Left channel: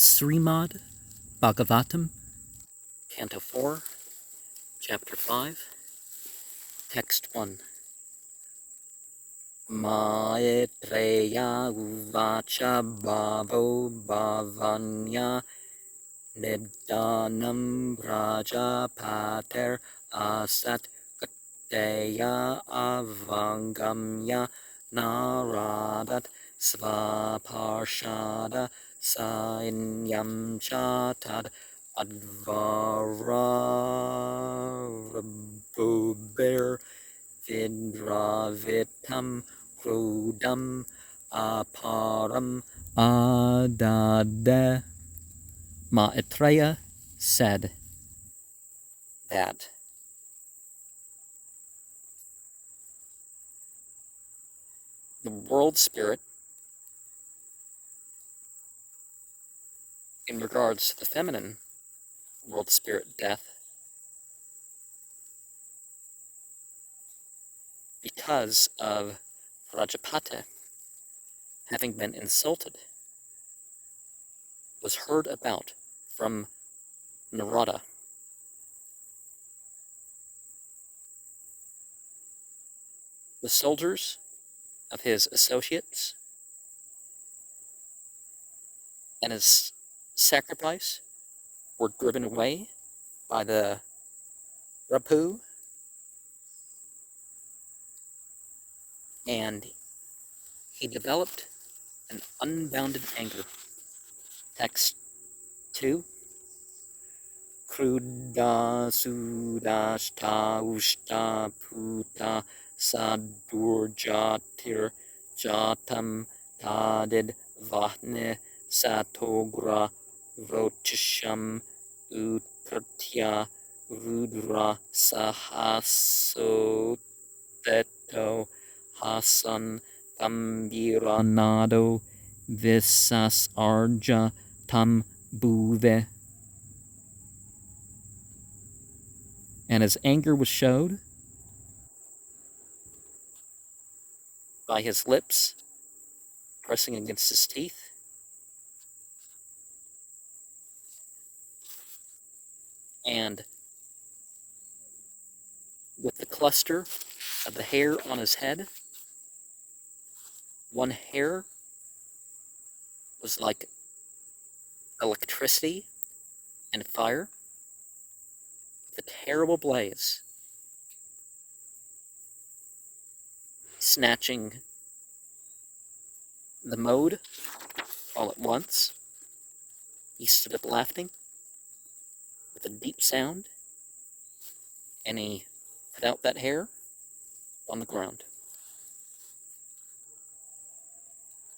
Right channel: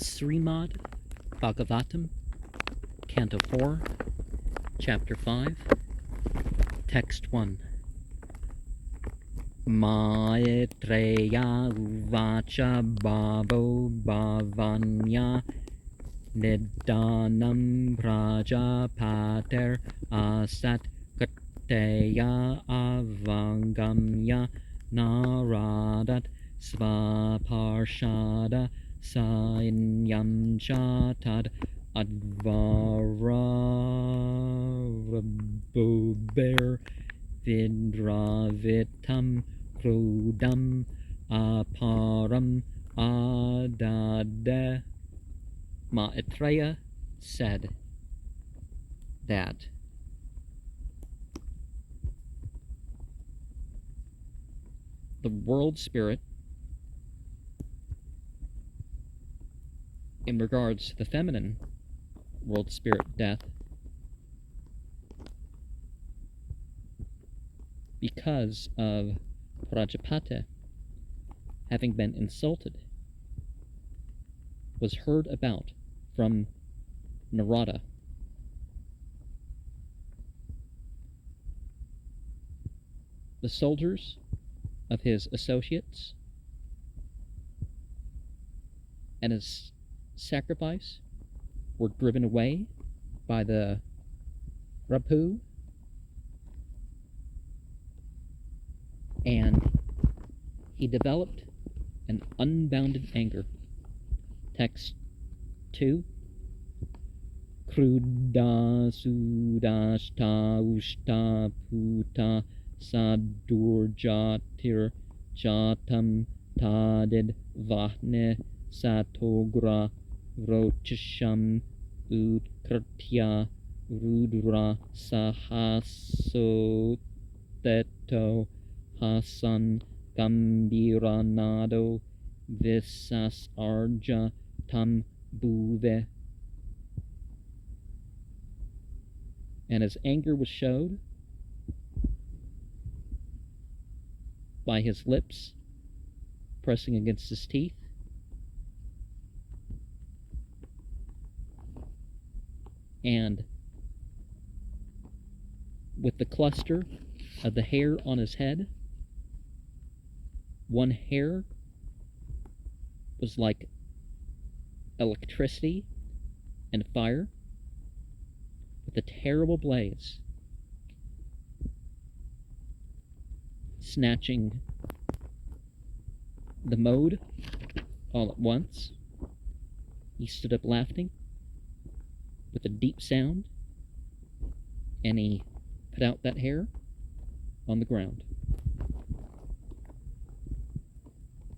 Srimad Bhagavatam Canto 4, Chapter 5, Text 1. Maitreya uvacha bhavo bhavanya nidanam prajapater asat kateya avangamya naradat svaparshada sainyam chatad advarabhuber vidravitam krudam aparam adade. Maitreya said that the world spirit, in regards to the feminine world spirit, death, because of Prajapati having been insulted, was heard about from Narada. The soldiers of his associates and his sacrifice were driven away by the Rapu, and he developed an unbounded anger. Text 2. Kruda sudashta ushta puta sadurjatir jatam tadid vahne satogra rochisham utkratya rudra sahasoteto hasan gambiranado visas arja tam bhuve. And his anger was showed by his lips pressing against his teeth, and with the cluster of the hair on his head, one hair was like electricity and fire with a terrible blaze, snatching the mode all at once. He stood up laughing with a deep sound, and he put out that hair on the ground.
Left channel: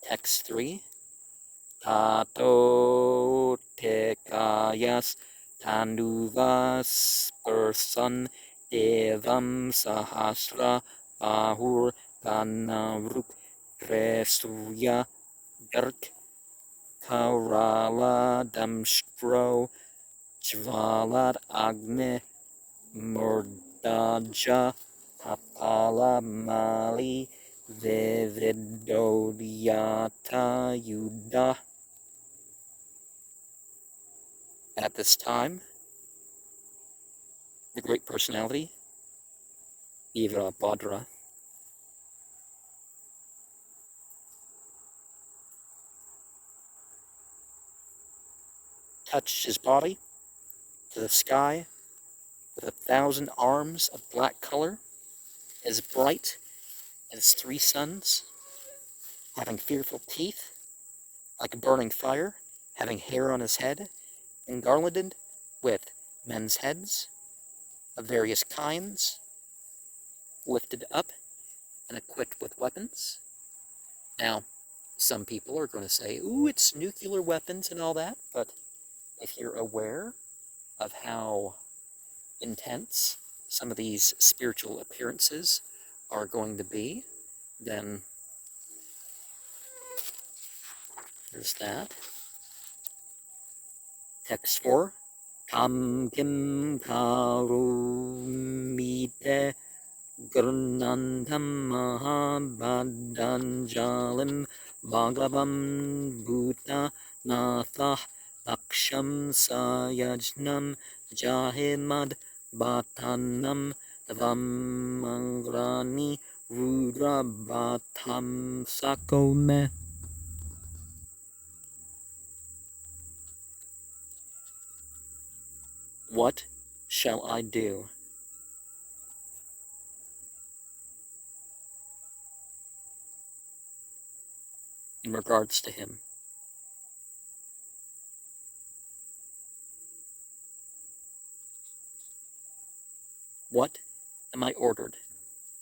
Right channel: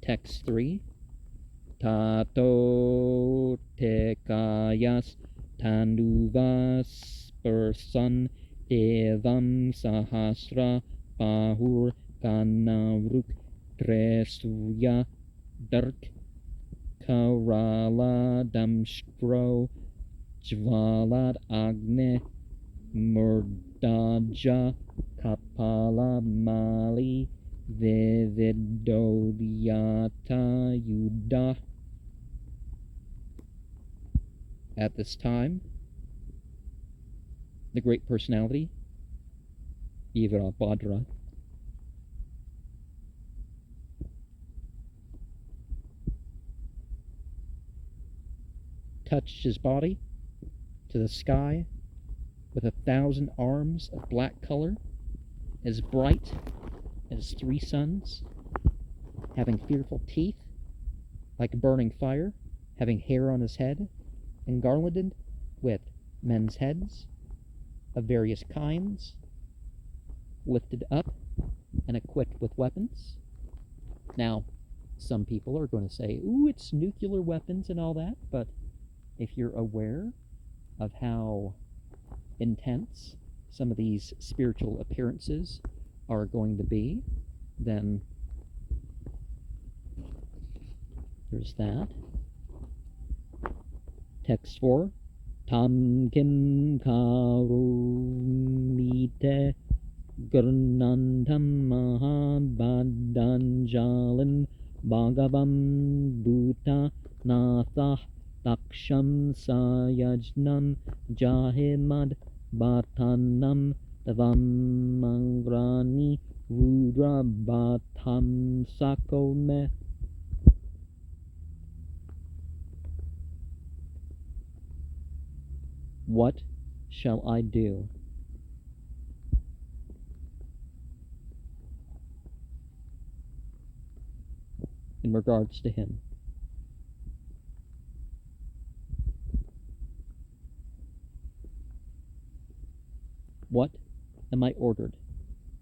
Text 3. Tato tekayas tanduvas person evam sahasra bahur kanaruk dresuya dark karala damstro jvalat agne murdaja kapala mali vividodyata yuda. At this time, the great personality, Virabhadra, touched his body to the sky with 1,000 arms of black color, as bright as 3 suns, having fearful teeth like burning fire, having hair on his head, and garlanded with men's heads of various kinds, lifted up and equipped with weapons. Now, some people are going to say, ooh, it's nuclear weapons and all that, but if you're aware of how intense some of these spiritual appearances are going to be, then there's that. Text 4. Tam kim karumite gurnantam mahabhadanjalim bhagavam bhuta nathah Daksham sayajnam jahimad bhatanam davam rudra bhatam sakome. What shall I do? In regards to him. What am I ordered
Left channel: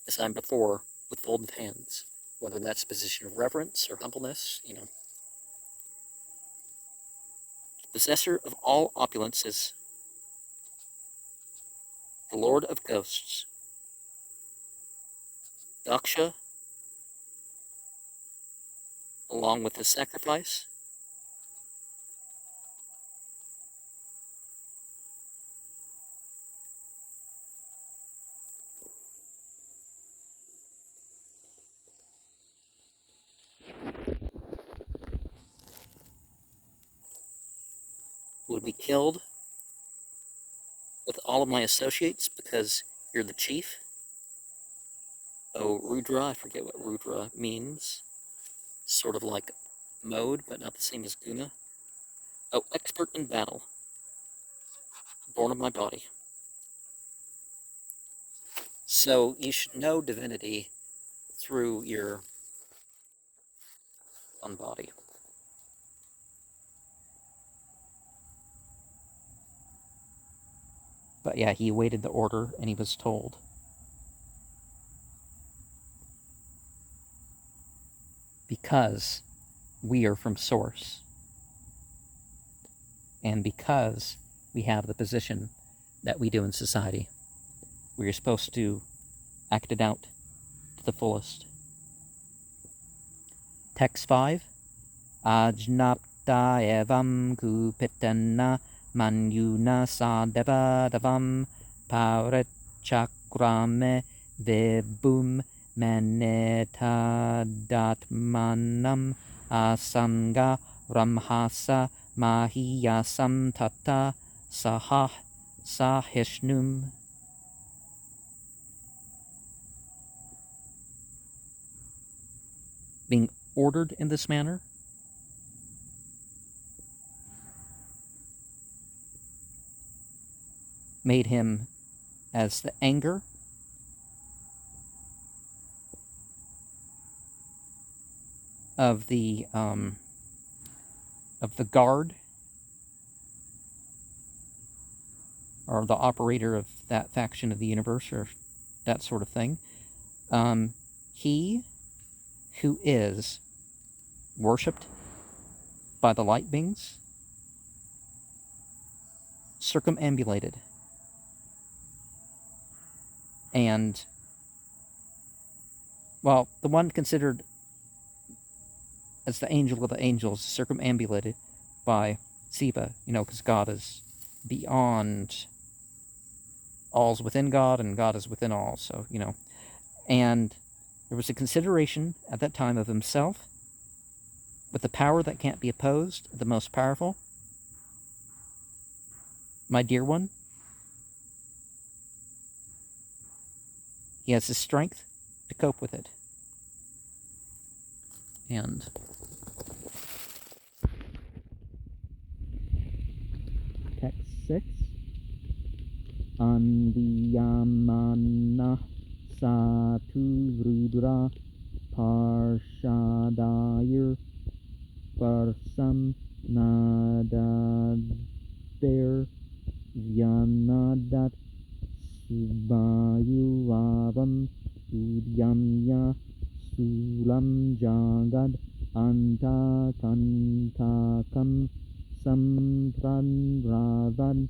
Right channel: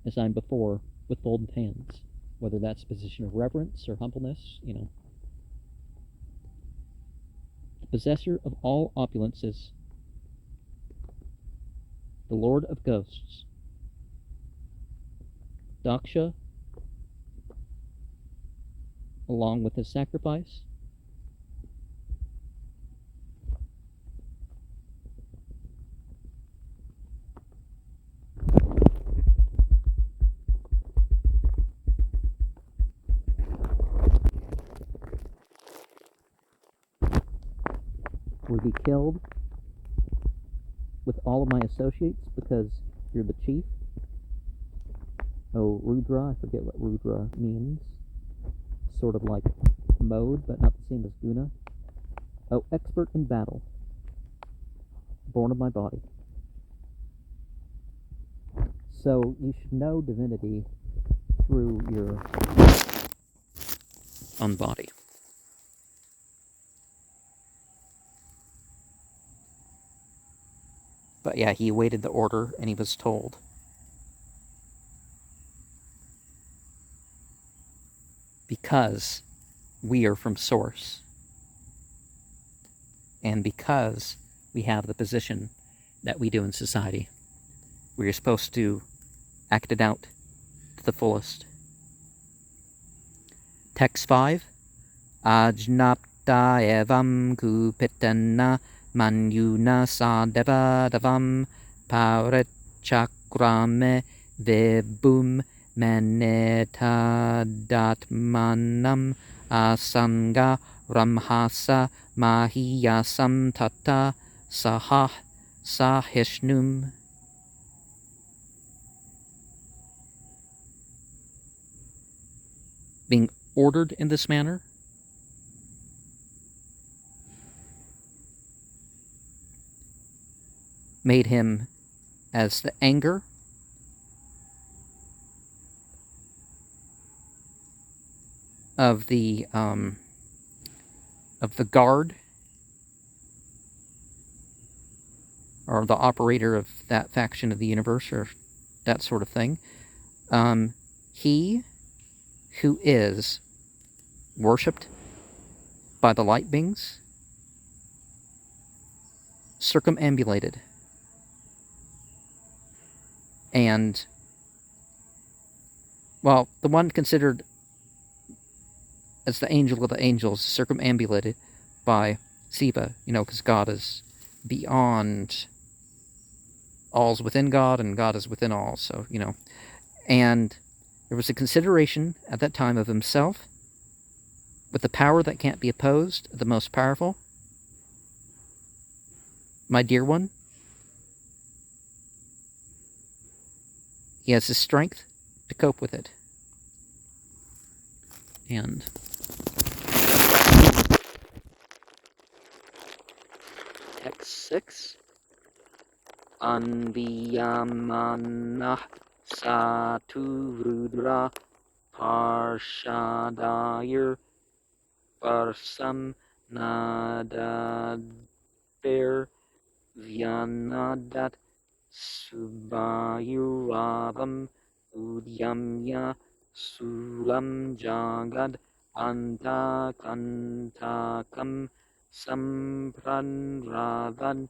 as I'm before with folded hands? Whether that's a position of reverence or humbleness, The possessor of all opulences, the Lord of Ghosts, Daksha, along with his sacrifice, will be killed with all of my associates because you're the chief. Oh, Rudra, I forget what Rudra means. Sort of like mode, but not the same as Guna. Oh, expert in battle. Born of my body. So you should know divinity through your own body. But yeah, he awaited the order and he was told. Because we are from Source. And because we have the position that we do in society, we are supposed to act it out to the fullest. Text 5. Ajnapta evam kupitana manyuna sadevadavam parechakrame vibhum manetadatmanam asanga ramhasa mahiyasam tata sahah sahishnum. Being ordered in this manner, made him as the anger of the guard or the operator of that faction of the universe or that sort of thing. He who is worshipped by the light beings, circumambulated, and, well, the one considered as the angel of the angels, circumambulated by Siva, because God is beyond, all's within God, and God is within all, so, and there was a consideration at that time of himself with the power that can't be opposed, the most powerful. My dear one, he has the strength to cope with it. And text 6. Anviyamanah Satu Rudra Parshadayir Varsam Nadadver Vyanadat Subayuravam Udyamya Sulam Jagad Antakantakam Sampranravad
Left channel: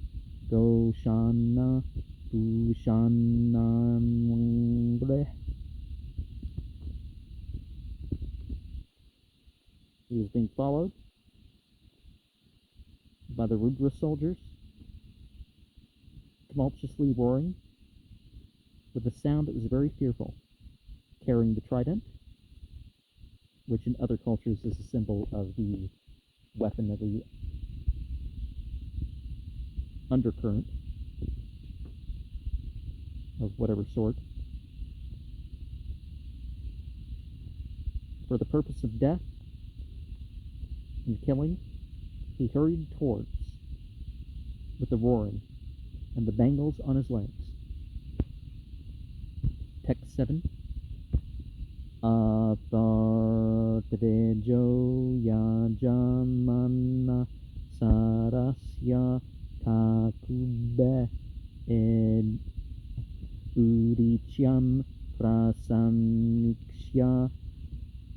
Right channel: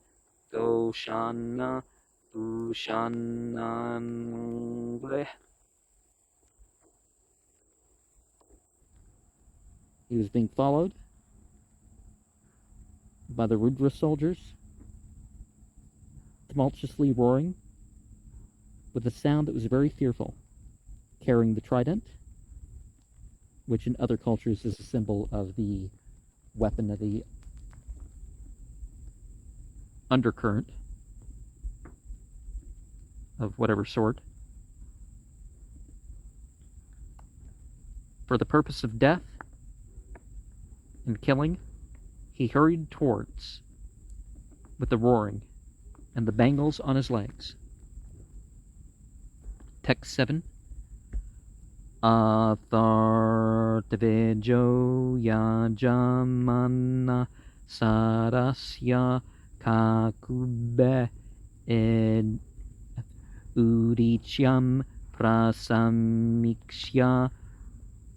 Doshana Dushanangreh. He was being followed by the Rudra soldiers, tumultuously roaring, with a sound that was very fearful, carrying the trident, which in other cultures is a symbol of the weapon of the undercurrent of whatever sort. For the purpose of death and killing, he hurried towards with the roaring and the bangles on his legs. Text 7. Athartvejo yajamana sarasya kakube ed udichyam prasamikshya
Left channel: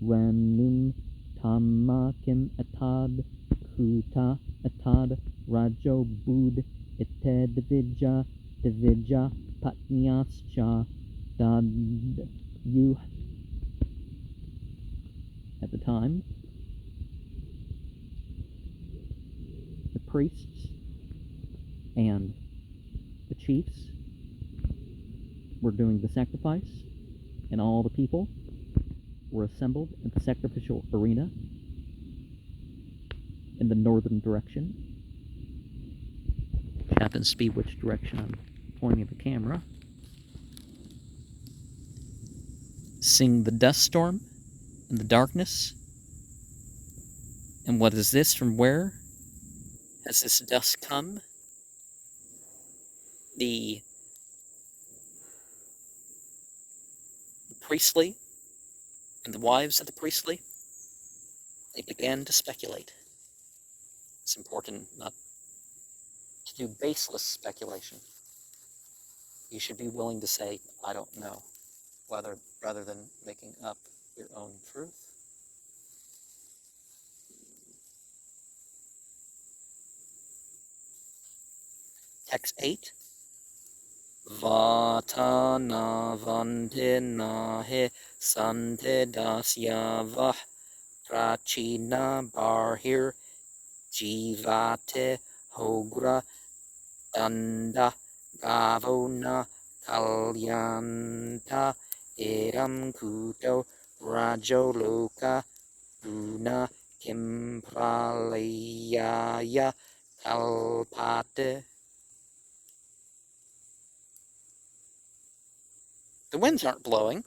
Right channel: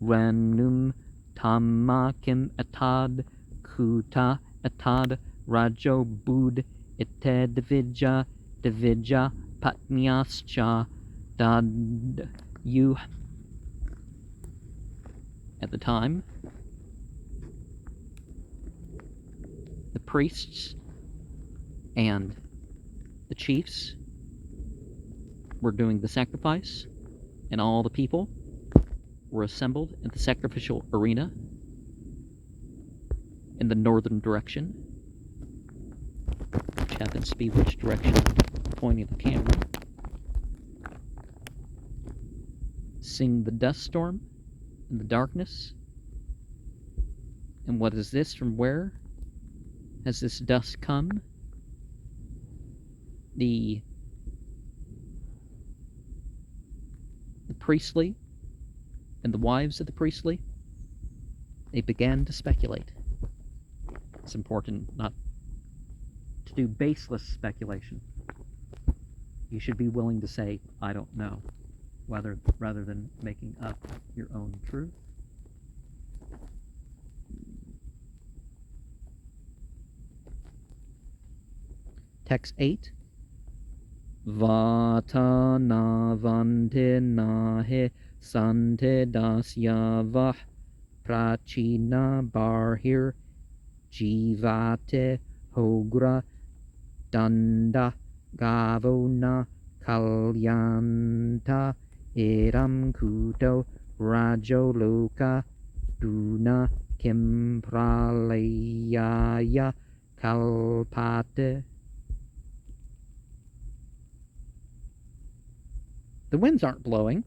ranum tamakim atad kuta atad rajo bud itedvija devija patmyascha dad you. At the time, the priests and the chiefs were doing the sacrifice, and all the people were assembled in the sacrificial arena in the northern direction. Which happens to be which direction I'm pointing the camera. Sing the dust storm in the darkness. And what is this? From where has this dust come? The priestly and the wives of the priestly, they began to speculate. It's important not to do baseless speculation. You should be willing to say, I don't know, rather than making up your own truth. Text 8. Vatana vante nahe sante dasyavah prachina barhir jivate hogra danda gavona kalyanta eram kuto rajoloka duna kimpralayaya kalpate. The winds aren't blowing.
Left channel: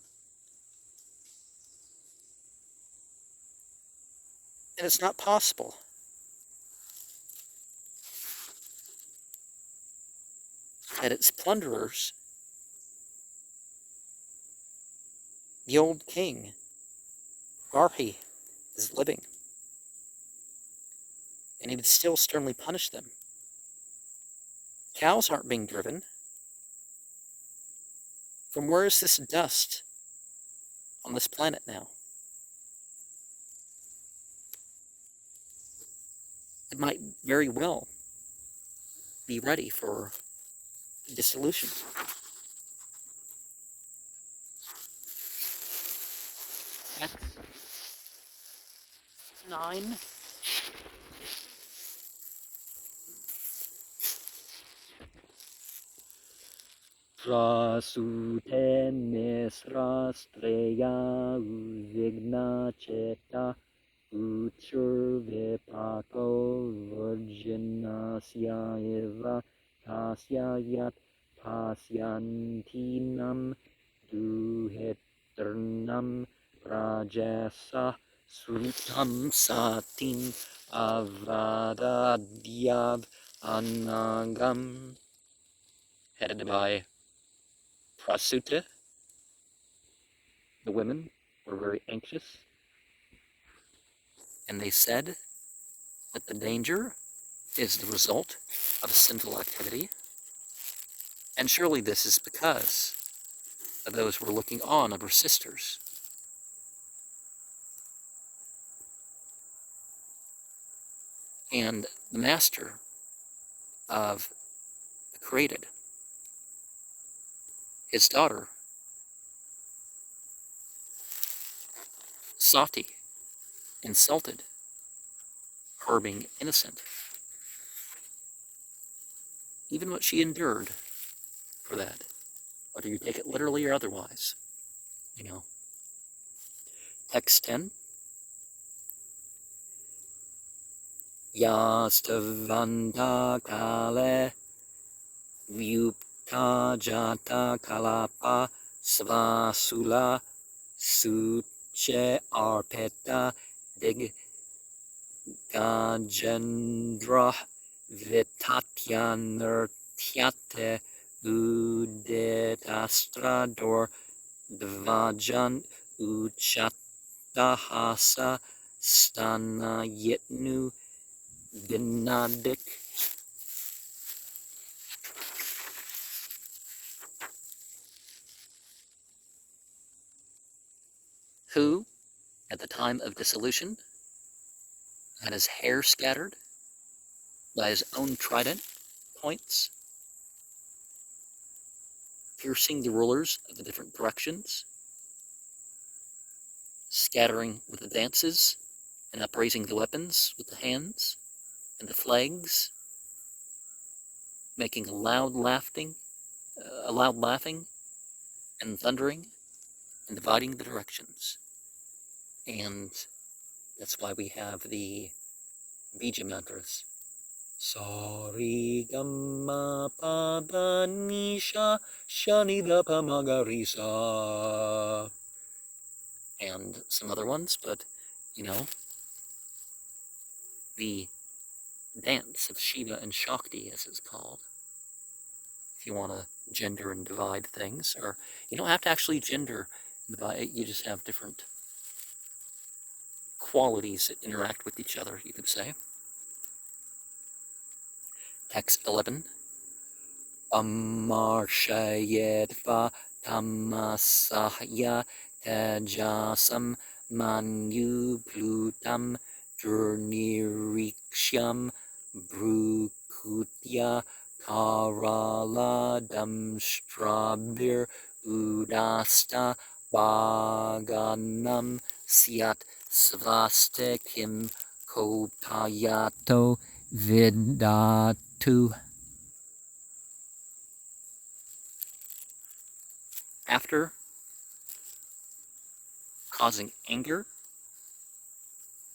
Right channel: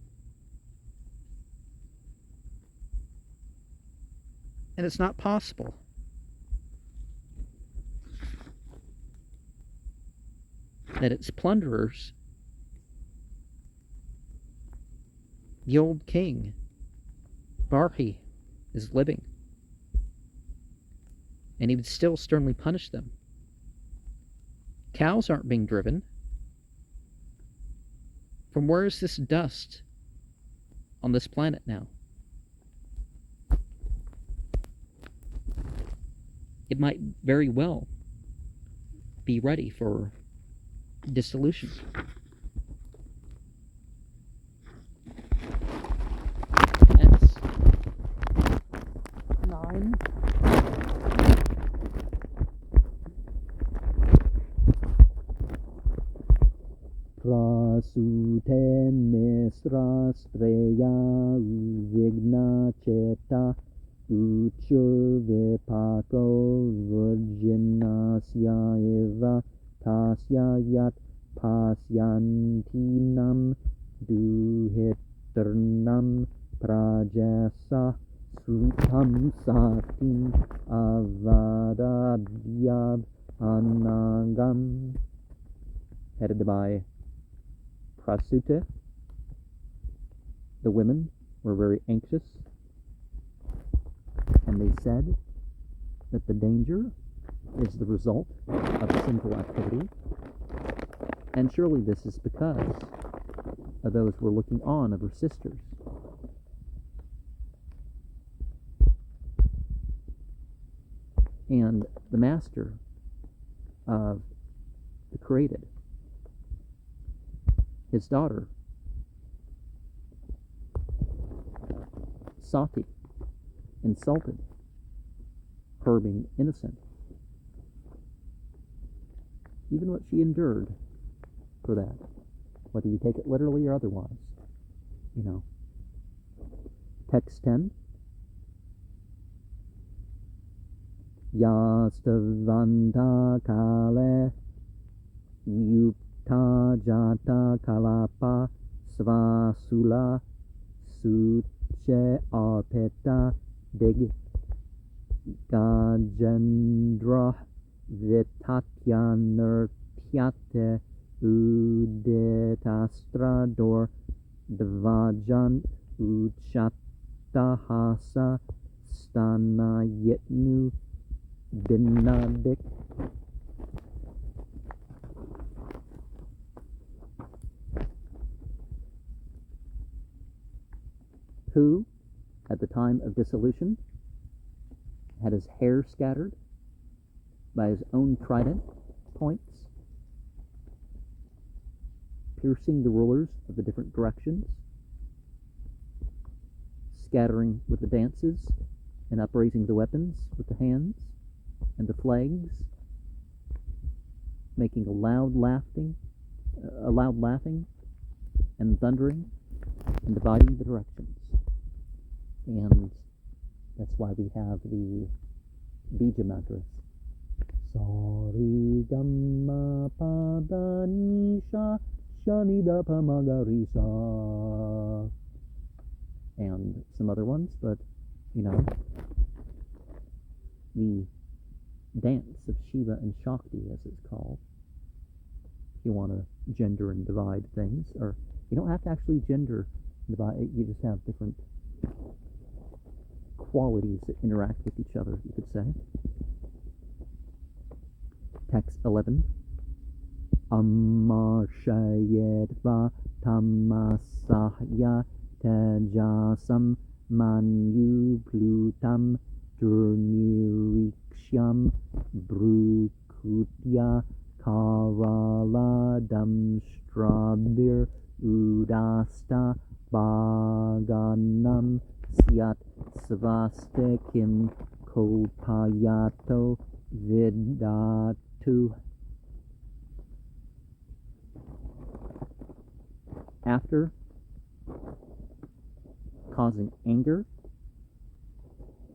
And it's not possible. Yet its plunderers, the old king, Barhi, is living. And he would still sternly punish them. Cows aren't being driven. From where is this dust on this planet now? It might very well be ready for dissolution. That's 9. Prasute mesra streya uvigna cheta uchurve pako virginasya eva tasya yat pasyantinam duheternam prajasa sutam satim avadadyav anagam. Headed by Prasute. The women were very anxious, and they said that the danger is the result of sinful activity, and surely this is because of those who were looking on of her sisters. And the master of the created, his daughter, Sati, insulted her being innocent. Even what she endured for that, whether you take it literally or otherwise, you know. Text 10. Yastavanta kale Vyupta jata kalapa svasula suche arpeta dig gajendra vitatyanurtyate uditastrador dvajan uchatahasa stanayitnu binadik. Who, at the time of dissolution, had his hair scattered by his own trident points, piercing the rulers of the different directions, scattering with the dances, and upraising the weapons with the hands and the flags, making a loud laughing and thundering, and dividing the directions. And that's why we have the Bija mantras. Sari Gamma Pada Nisha Shanida Pamagarisa. And some other ones, but the dance of Shiva and Shakti, as it's called, if you want to gender and divide things, or you don't have to actually gender and divide, you just have different qualities that interact with each other, you could say. Text 11. Amarshayetva tamasahya tajasam manu plutam durniriksham brukutya karaladam strabir udasta baganam syat svastikim kopayato vidatu. After causing anger,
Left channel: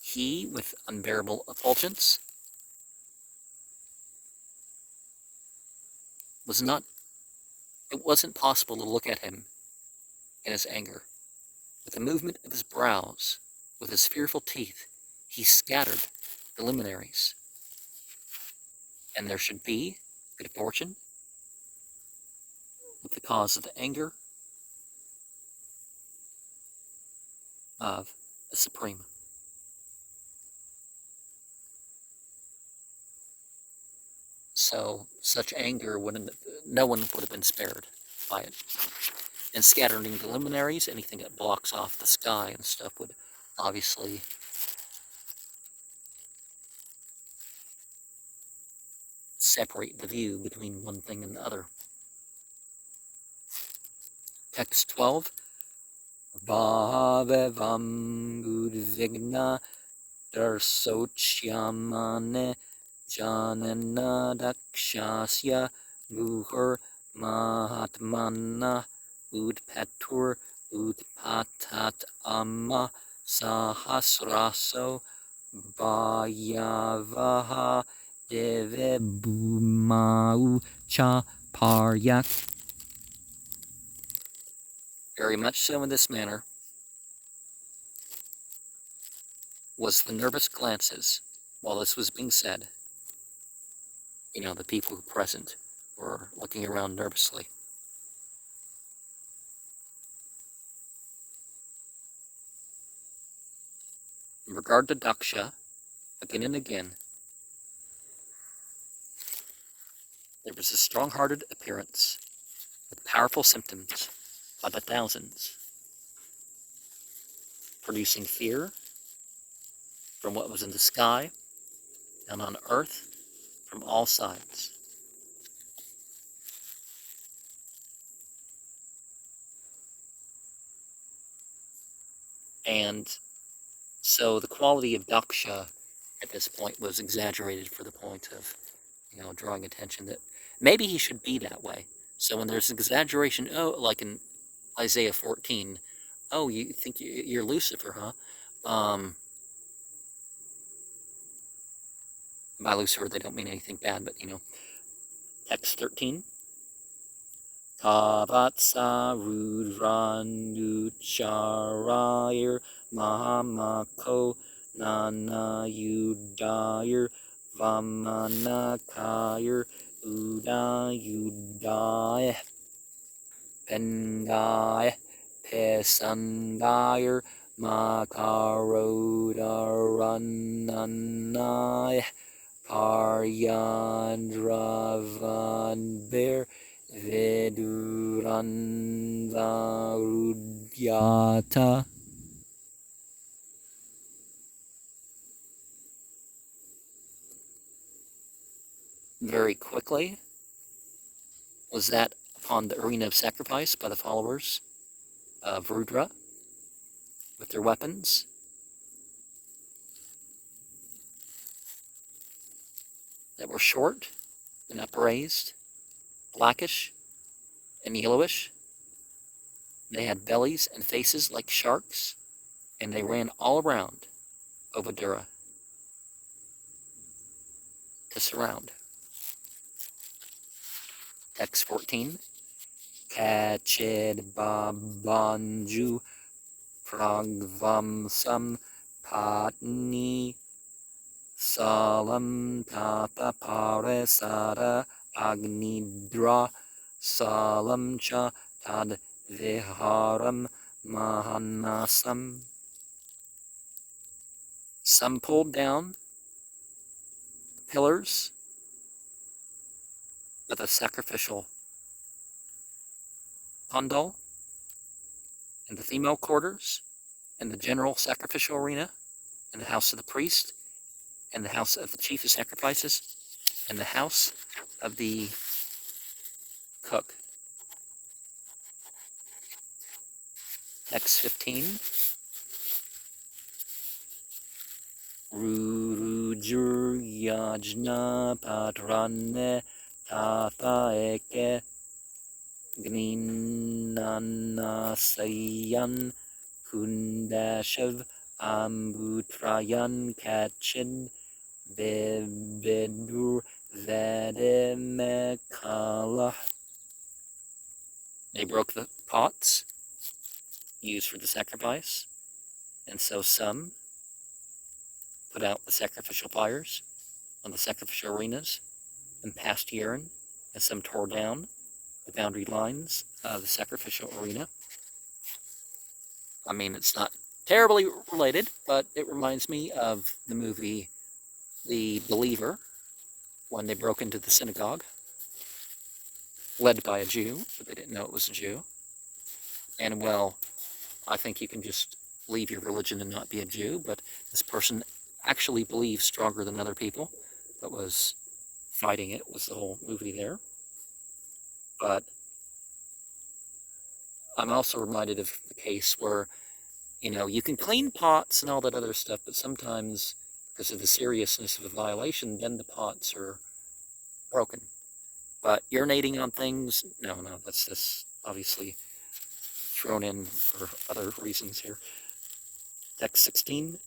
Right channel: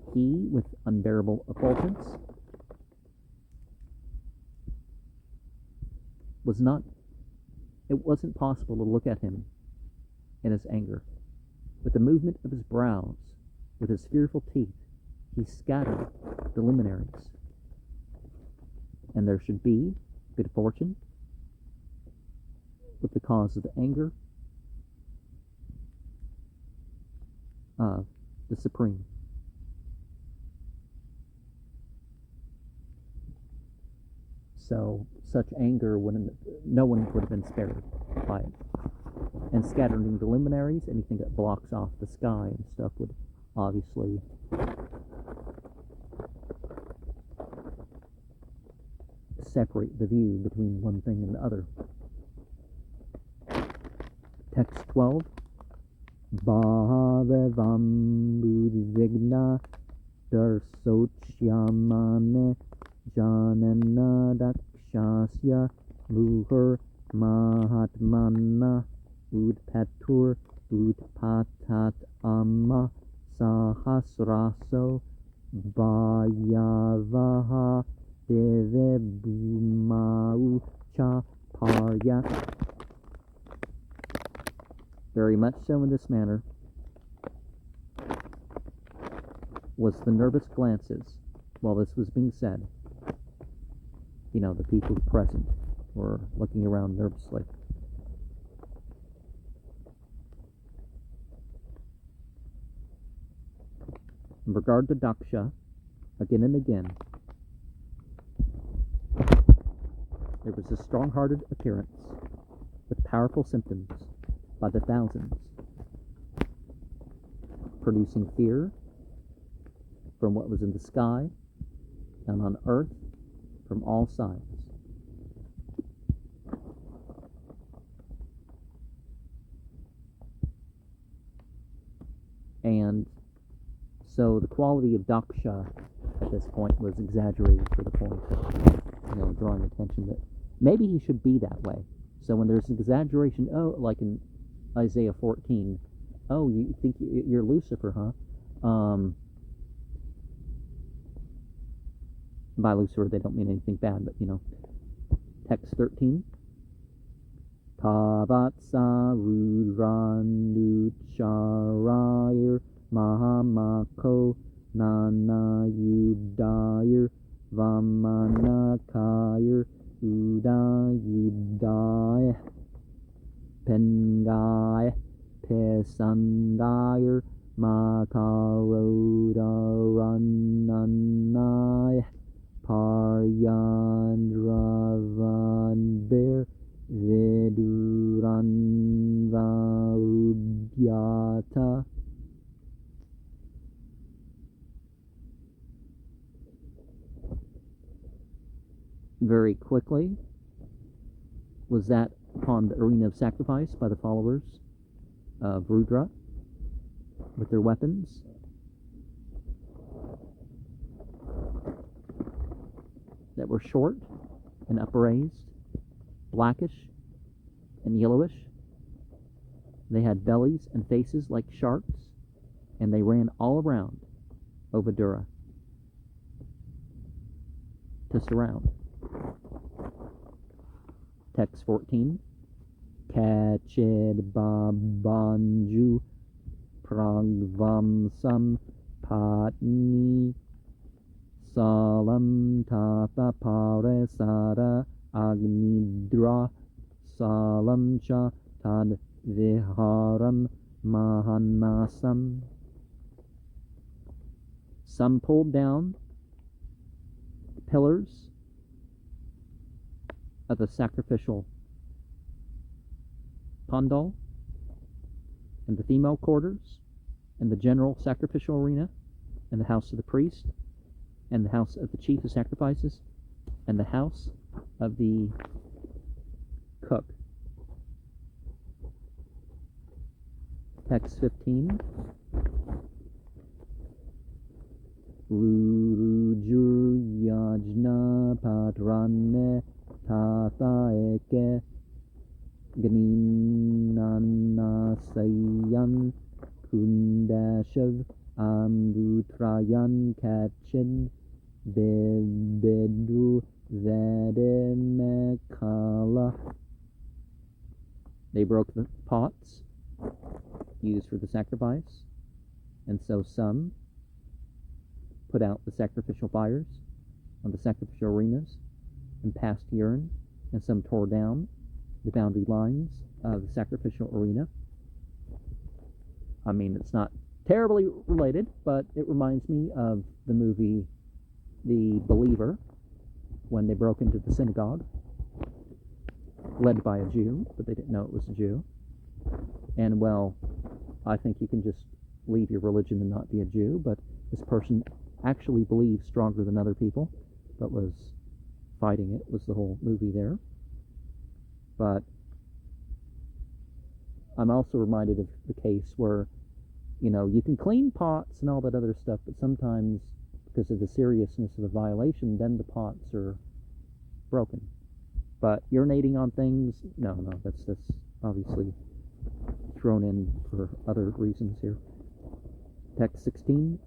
he, with unbearable effulgence, it wasn't possible to look at him in his anger. With the movement of his brows, with his fearful teeth, he scattered the luminaries. And there should be good fortune with the cause of the anger of the Supreme. So such anger no one would have been spared by it. And scattering the luminaries, anything that blocks off the sky and stuff, would obviously separate the view between one thing and the other. Text 12. Bhavevam udvigna darsochyamane janana dakshasya muhur mahatmana udpetur udpatat amma sahasraso bhayavaha devebhumau cha paryak. Very much so in this manner was the nervous glances while this was being said. The people present were looking around nervously. In regard to Daksha, again and again, there was a strong-hearted appearance with powerful symptoms by the thousands, producing fear from what was in the sky, down on earth, from all sides. And so the quality of Daksha at this point was exaggerated for the point of, drawing attention that maybe he should be that way. So when there's exaggeration, like in Isaiah 14, you think you're Lucifer, huh? By Lucifer, they don't mean anything bad, but, text 13. Tavatsa Rudranucharayir Mahamako Nanayudayir Vamanakayir Udayudaya Pengaya Pesangayir Makarodarananaya Paryadravanbir Viduranvarudyata. Very quickly was that upon the arena of sacrifice by the followers of Rudra with their weapons. That were short and upraised, blackish and yellowish. They had bellies and faces like sharks, and they ran all around Ovadura to surround. Text 14. Kachid babanju pragvamsam patni salam tapa paresara agnidra salam cha tad viharam mahanasam. Some pulled down the pillars of the sacrificial pandal and the female quarters and the general sacrificial arena and the house of the priest and the house of the chief of sacrifices and the house of the cook. Text 15. Rurujur yajna patrane tata eke Gninanasayan Kundashav Ambutrayan Kachin Bebedur Vedemekala. They broke the pots used for the sacrifice, and so some put out the sacrificial fires on the sacrificial arenas and passed urine, and some tore down the boundary lines of the sacrificial arena. I mean, it's not terribly related, but it reminds me of the movie The Believer, when they broke into the synagogue, led by a Jew, but they didn't know it was a Jew. And, well, I think you can just leave your religion and not be a Jew, but this person actually believed stronger than other people, but was fighting it, was the whole movie there. But I'm also reminded of the case where, you can clean pots and all that other stuff, but sometimes, because of the seriousness of a violation, then the pots are broken. But urinating on things, no, that's obviously thrown in for other reasons here. Text 16.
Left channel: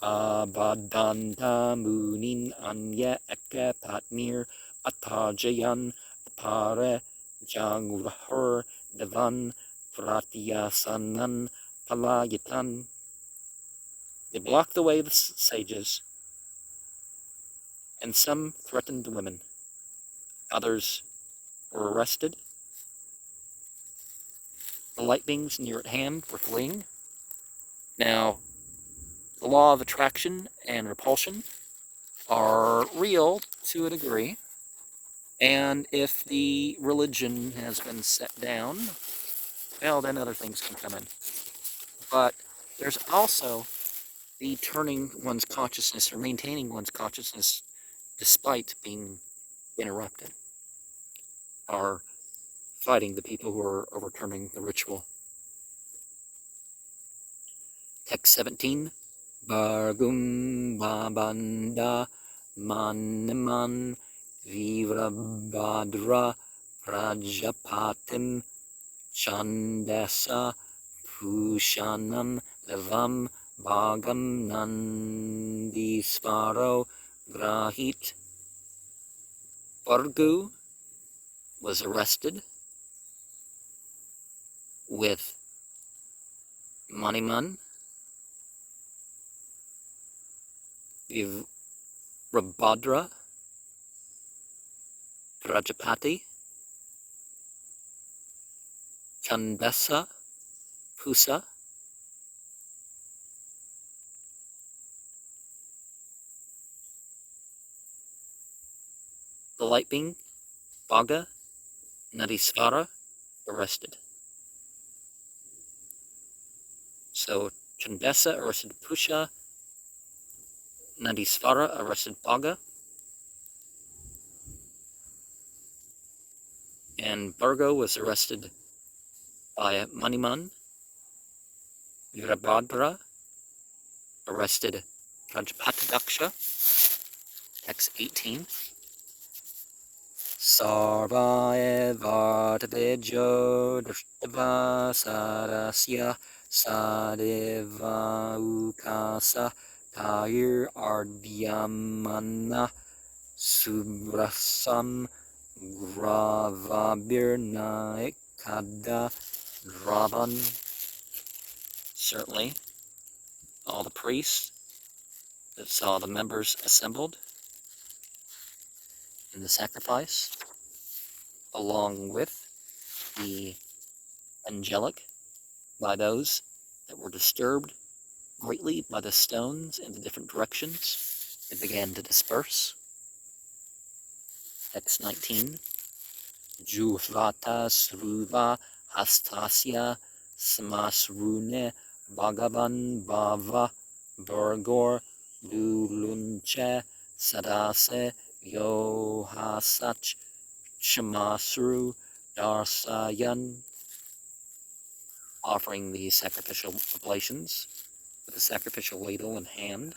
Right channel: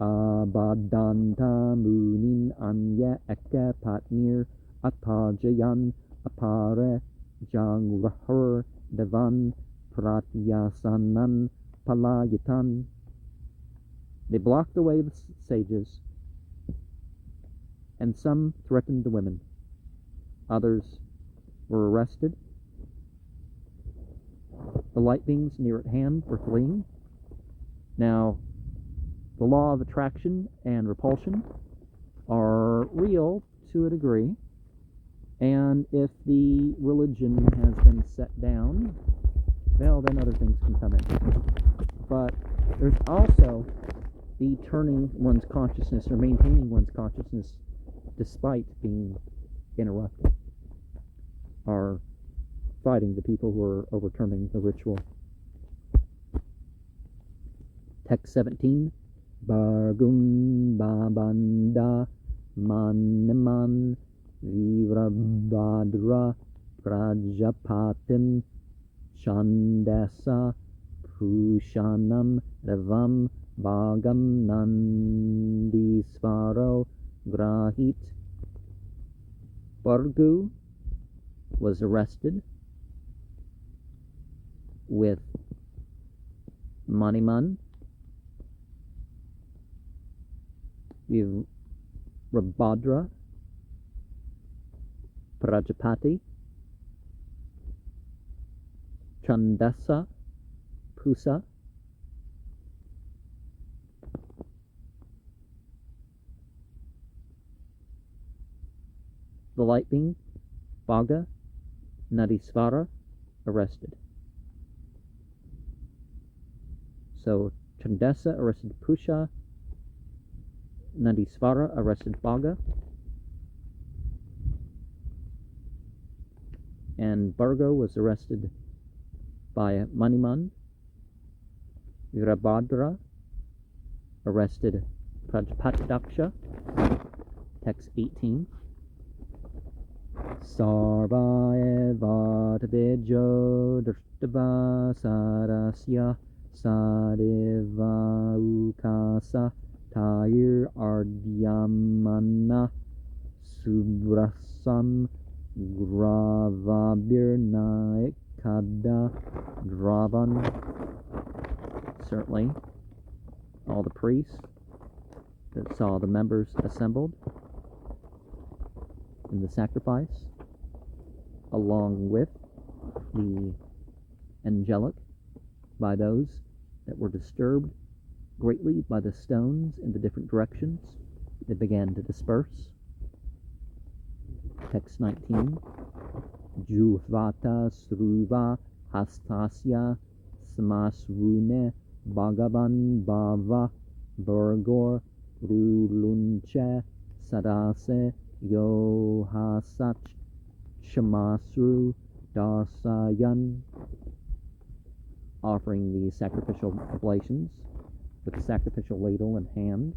Abadanta munin anya eke patnir atajayan apare jangrahur devan pratyasanan palayatan. They blocked the way of the sages, and some threatened the women. Others were arrested. The light beings near at hand were fleeing. Now, the law of attraction and repulsion are real to a degree, and if the religion has been set down, well, then other things can come in. But there's also the turning one's consciousness or maintaining one's consciousness despite being interrupted, or fighting the people who are overturning the ritual. Text 17. Bargum babanda maniman vivrabhadra prajapatim chandasa pushanam devam bhagam nandisvaro grahit. Bargu was arrested with Maniman, Virabhadra, Prajapati, Chandasa, Pusa, the light being, Bhaga, Nadisvara, arrested. So Chandasa arrested Pusha, Nadisvara arrested Bhaga, and Bhargo was arrested by Maniman. Virabhadra arrested Prajapati, text 18. Sarva evartavidyo drishtava sarasya sadeva ukasa tair ardyamana subrasam gravabirnaikada dravan. Certainly, all the priests that saw the members assembled in the sacrifice, along with the angelic, by those that were disturbed greatly by the stones in the different directions, they began to disperse. Text 19. Juhvata sruva hastasya samasrune bhagavan bhava burgor rulunche sadase yohasach shamasru darsayan, offering the sacrificial oblations with the sacrificial ladle in hand,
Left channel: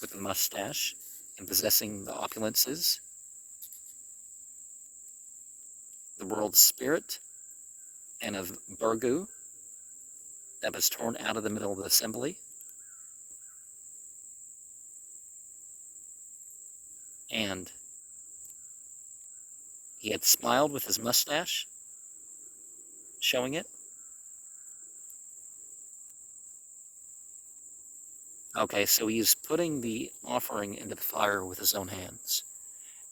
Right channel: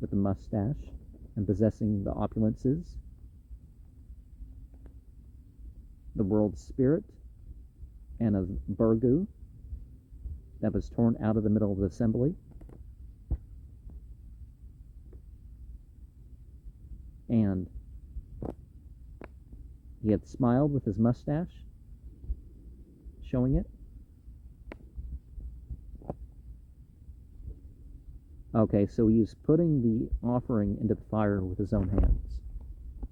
with the mustache, and possessing the opulences, the world spirit, and of Burgu that was torn out of the middle of the assembly, and he had smiled with his mustache, showing it. Okay, so he's putting the offering into the fire with his own hands.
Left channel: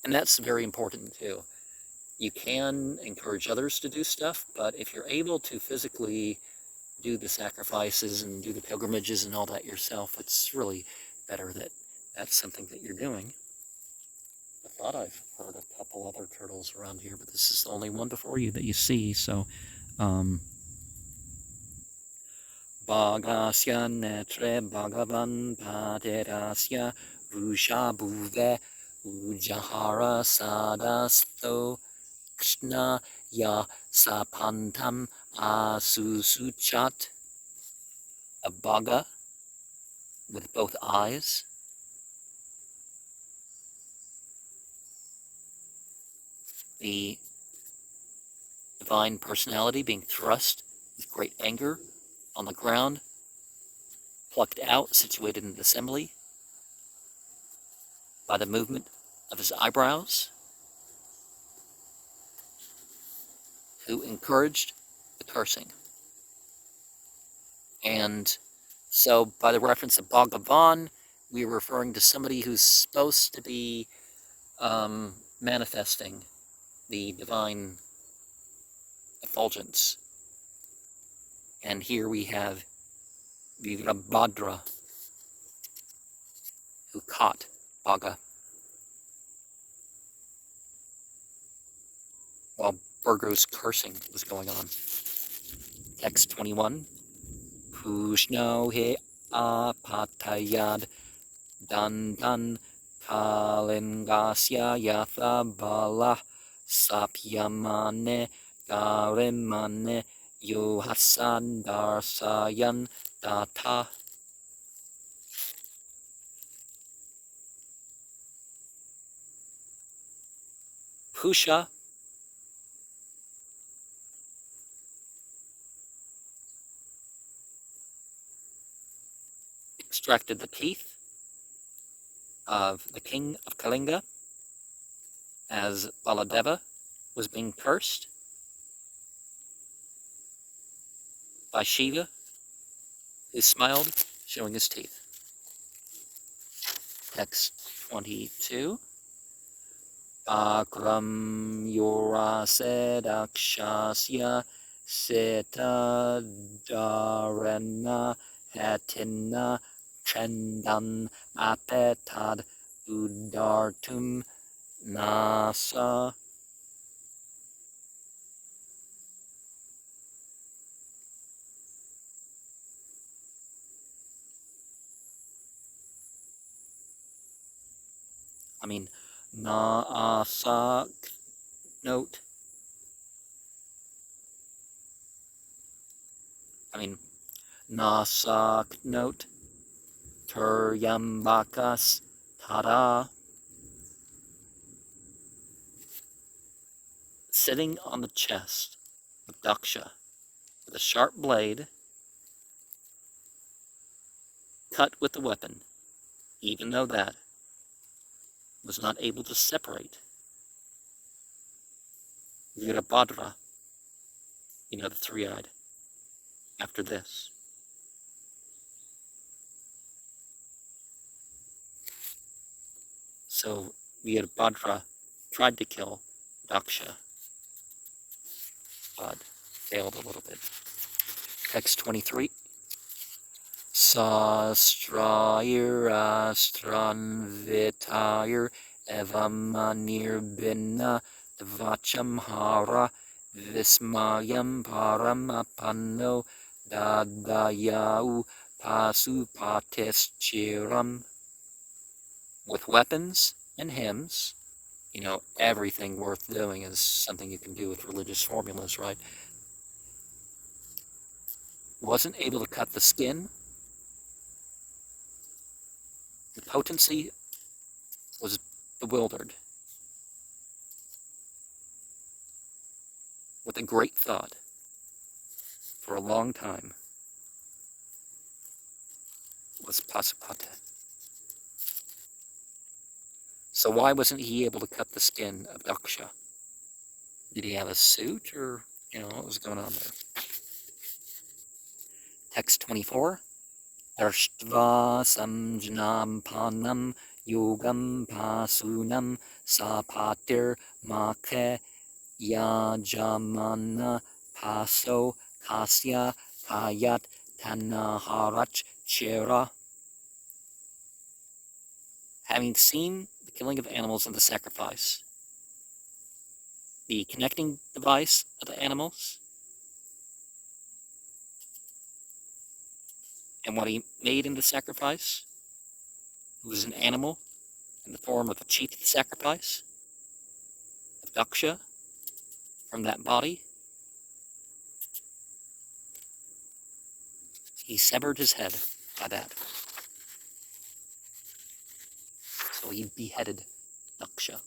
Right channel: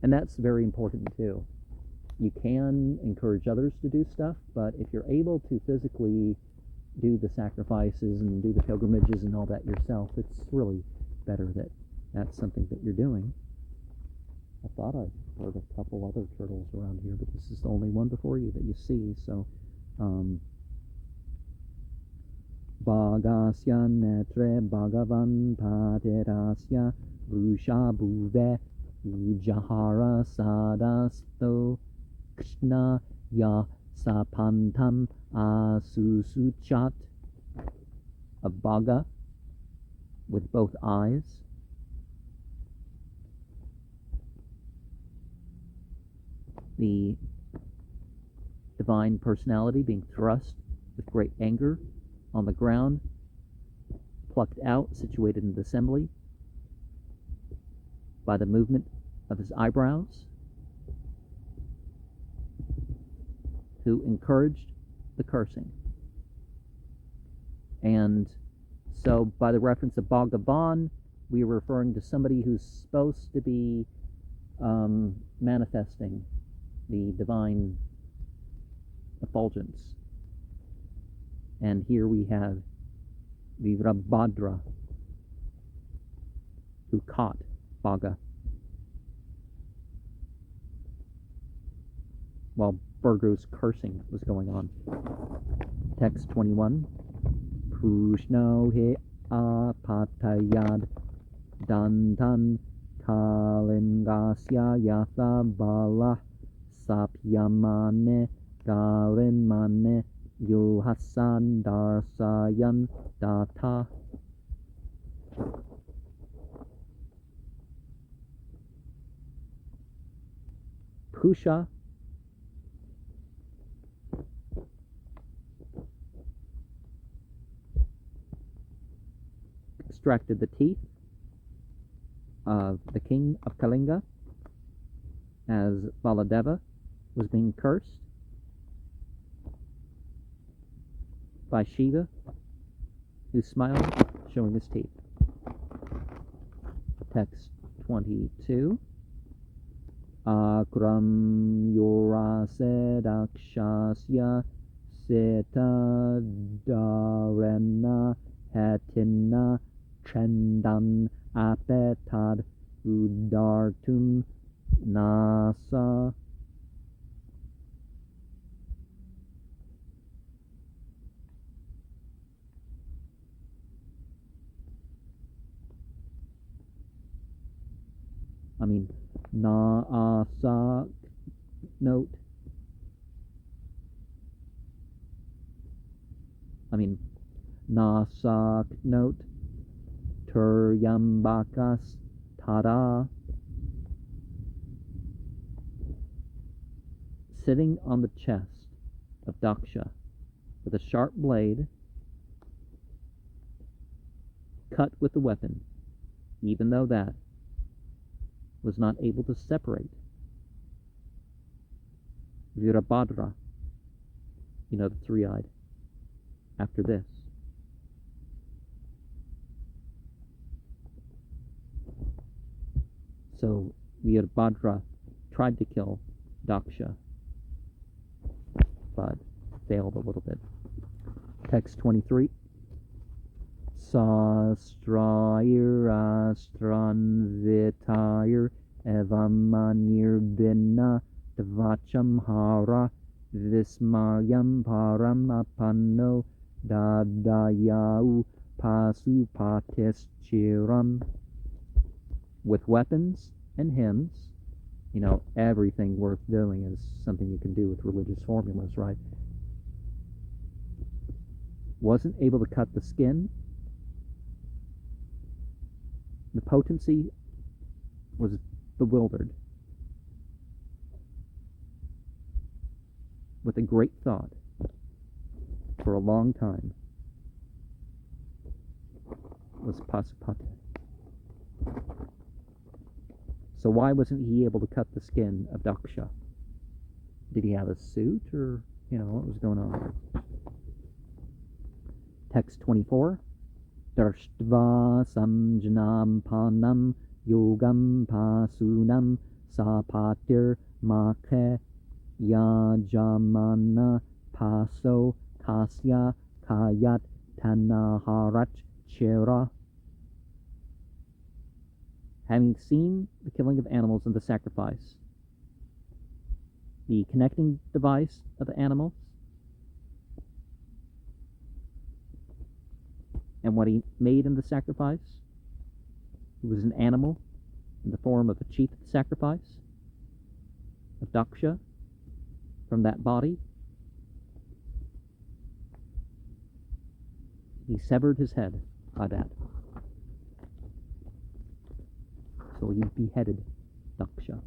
And that's very important too. You can encourage others to do stuff, but if you're able to physically do the sacrifices and do the pilgrimages and all that yourself, it's really better that that's something that you're doing. I thought I've heard a couple other turtles around here, but this is the only one before you that you see, so Bhagasya netre bhagavan paterasya rusha bhuve ujahara sadasto krishna ya sapantam asusuchat. A bhaga with both eyes, the divine personality being thrust with great anger on the ground, plucked out, situated in the assembly by the movement of his eyebrows, who encouraged the cursing. And so by the reference of Bhagavan, we are referring to somebody who's supposed to be manifesting the divine effulgence. And here we have Virabhadra, who caught Bhaga while Burgo's cursing was going on. Text 21. Pushno he apatayad dandan kalingasya yatha bala sapyamane garimane yuhasan darsayan data. Pusha extracted the teeth of the king of Kalinga as Baladeva was being cursed. by Shiva, who smiled, showing his teeth. Text 22. Akram yorase dakshasya seta dharana hatina trendan apetad udartum nasa. Naasak note. Nasak note. Turyambakas tada. Sitting on the chest of Daksha with a sharp blade cut with the weapon, even though that was not able to separate Virabhadra, the three-eyed, after this. So Virabhadra tried to kill Daksha, but failed a little bit. Text 23. Sastrair astran vitair evamanir binna devacham hara vismayam param apanno dadayau pasupatis chiram. With weapons and hymns, everything worth doing is something you can do with religious formulas, right? Wasn't able to cut the skin. The potency was bewildered with a great thought for a long time. Was Pasupata. So why wasn't he able to cut the skin of Daksha? Did he have a suit, or, what was going on there? Text 24. Darshtva samjnam panam yogam pasunam sapatir makhe yajamana paso kasya kayat tanaharach chera. Having seen the killing of animals and the sacrifice, the connecting device of the animals, and what he made in the sacrifice, it was an animal in the form of a chief sacrifice of Daksha from that body. He severed his head by that. So he beheaded Daksha.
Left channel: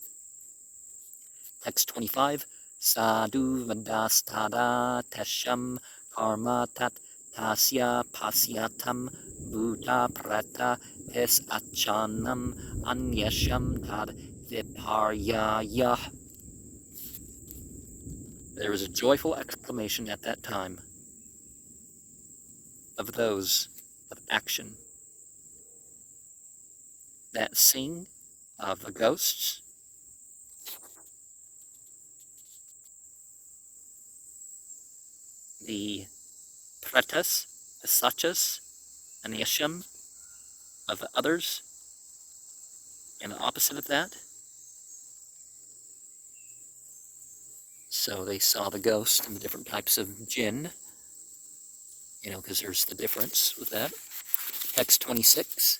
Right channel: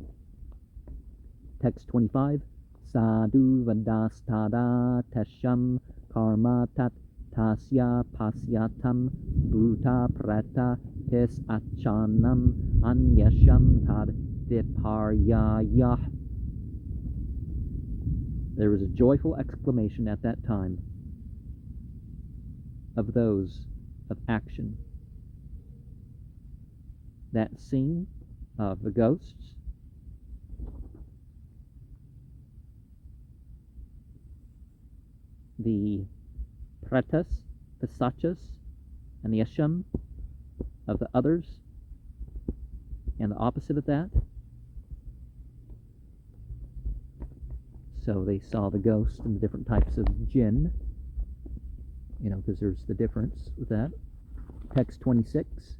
Text 25. Sadhu vadastada tesham karmatat tasya pasyatam bhuta prata pis achanam anyasham tad viparyaya. There was a joyful exclamation at that time of those of action that sing of the ghosts, the pretas, the sachas, and the asham of the others, and the opposite of that. So they saw the ghost and the different types of jinn, because there's the difference with that. Text 26.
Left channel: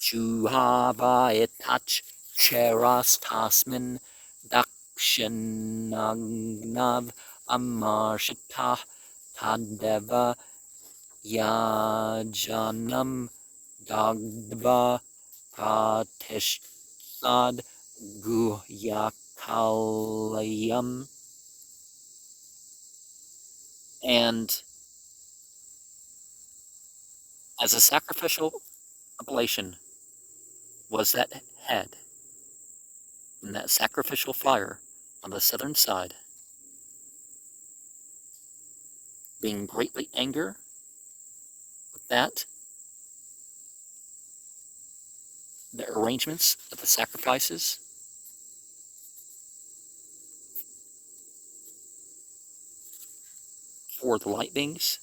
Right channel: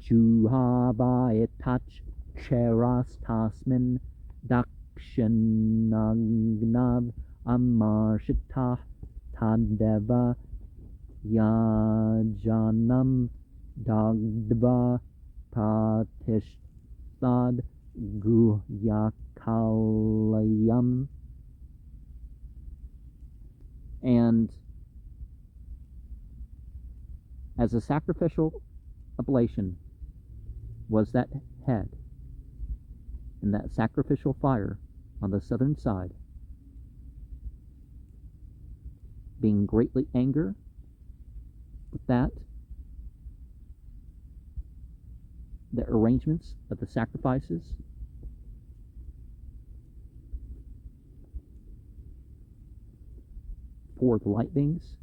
Juhava etach cheras tasmin dakshinagnav amarshita tadeva yajanam dagdva pratishtad guhyakalayam. And as a sacrificial oblation was that head in that sacrificial fire on the southern side. being greatly angry with that, the arrangements of the sacrifices for the light beings,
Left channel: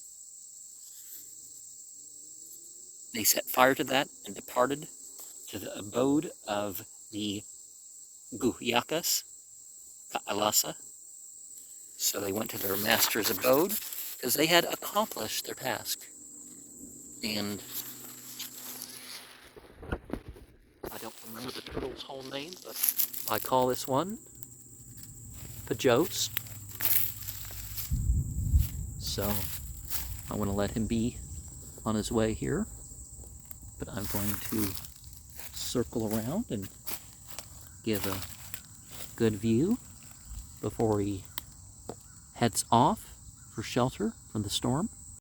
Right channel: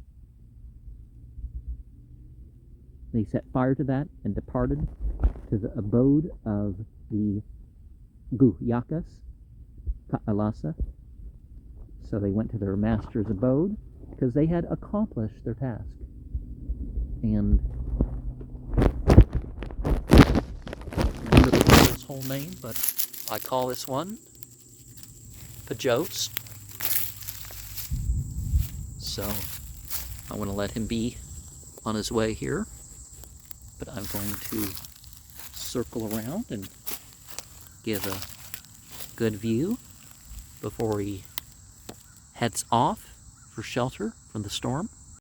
they set fire to that and departed to the abode of the Guhyakas, Kailasa. So they went to their master's abode because they had accomplished their task. And I don't remember the whale's whole name, but I call this one Pjost. So I want to let him be on his way here, but I'm going to circle around and give a good view before he heads off for shelter from the storm.